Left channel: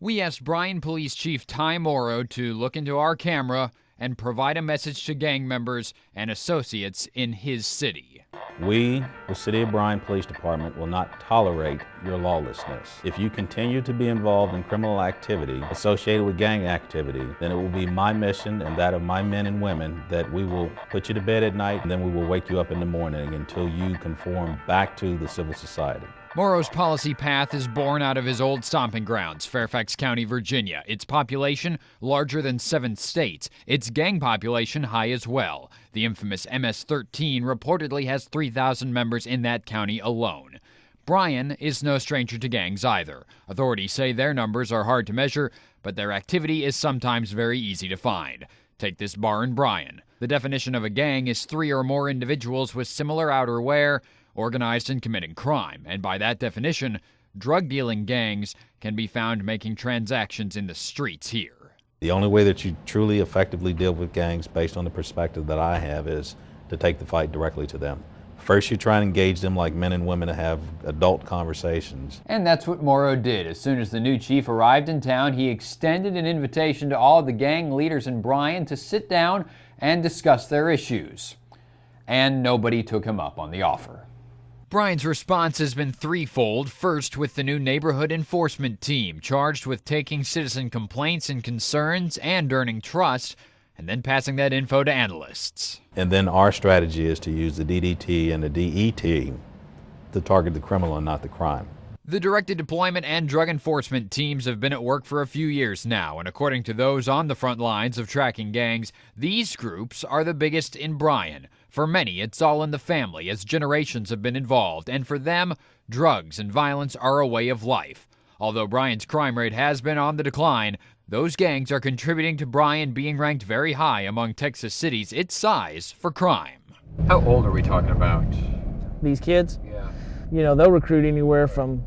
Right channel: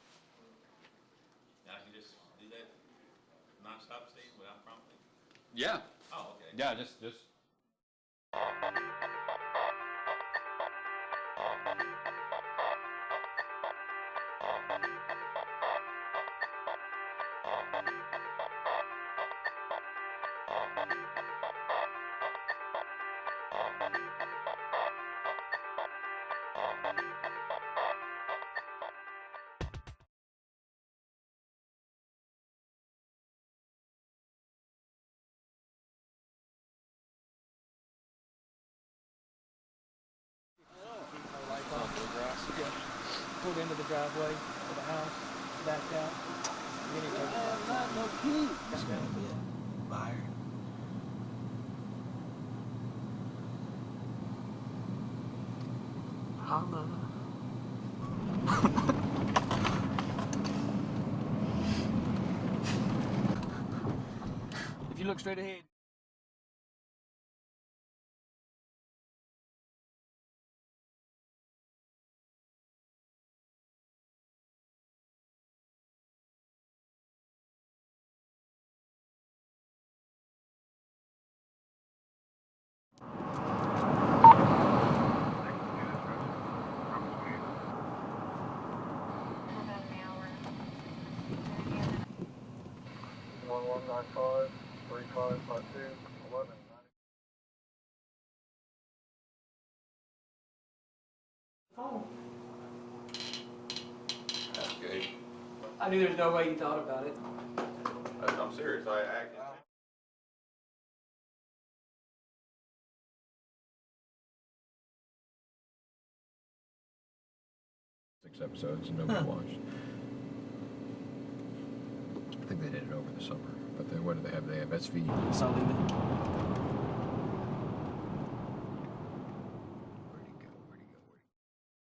We asked Bryan Police Chief Ty Morrow to look into our camera and provide a message to gang members and associates in his city. We, the City of Bryan Police Department, will not tolerate your lawlessness. If you continue to be involved in criminal activity associated with gang activity, then it will be my mission and that of my men and women that we will put you to bed at night and then we will wake you up in the morning until you conform back to the civil society. Morrow's policy path is born out of his old stomping grounds, Fairfax County, Virginia. Its population larger than 7 states. Its gang population high as well. The infamous MS-13 reportedly has 3,000 members in that county alone. Bryan is no stranger to gangs either. Authorities say their numbers are hard to measure, but their activity is sometimes very easy to find. Take this bar in Bryan. The definition of a gang is 3 or more individuals with similar outerwear, organized in committing crime, and by that definition, drug-dealing gangs can be found making transactions in the streets here. The only way that you truly effectively deal with gangs, based on the perspective that I have, is to take the fight directly to them. First, you try and engage them like men and women to have adult conversations. And that's what Morrow did. As soon as the new chief arrived in town, he extended an invitation to all the gang leaders in Bryan to sit down and discuss their issues. And nobody took him up on the offer. Bryan's response has been threefold. First, with the new neighborhood enforcement team, charged with taking citizen complaints and concerns and earning trust, and then passing that info to analysts. And then our strategy is to use the DDT and the DET to target the criminal and not the crime. The directed deployment and drug enforcement teams have been at work for a few years now, and according to those on the front lines of tracking gangs, these groups are the biggest in Bryan. For many, it's all in the family, as generations have been involved, and for them, drugs and violence are a way of life. Although Bryan's crime rate has been on the decline, those gangs are contributing to Bryan being ranked very high among Texas cities its size for crime. How old are we talking about? These kids, Yeah. you know, they'll recruit anywhere from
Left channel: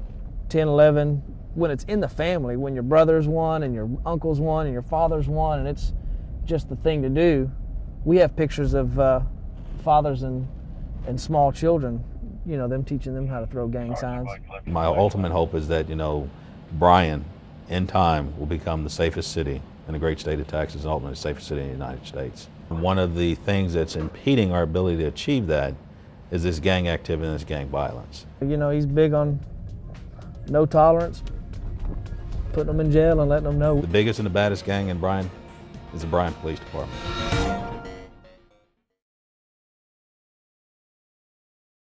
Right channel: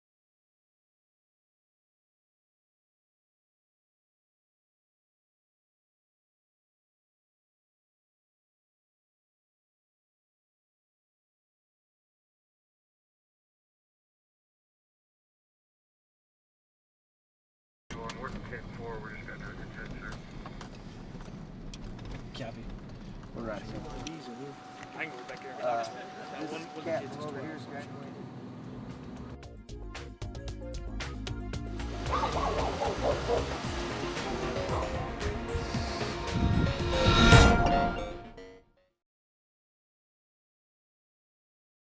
10, 11, when it's in the family, when your brother's one and your uncle's one and your father's one, and it's just the thing to do. We have pictures of fathers and small children, you know, them teaching them how to throw gang signs. My ultimate hope is that, Bryan, in time, will become the safest city in the great state of Texas, and ultimately the safest city in the United States. One of the things that's impeding our ability to achieve that is this gang activity and this gang violence. You know, he's big on no tolerance, putting them in jail and letting them know. The biggest and the baddest gang in Bryan is the Bryan Police Department.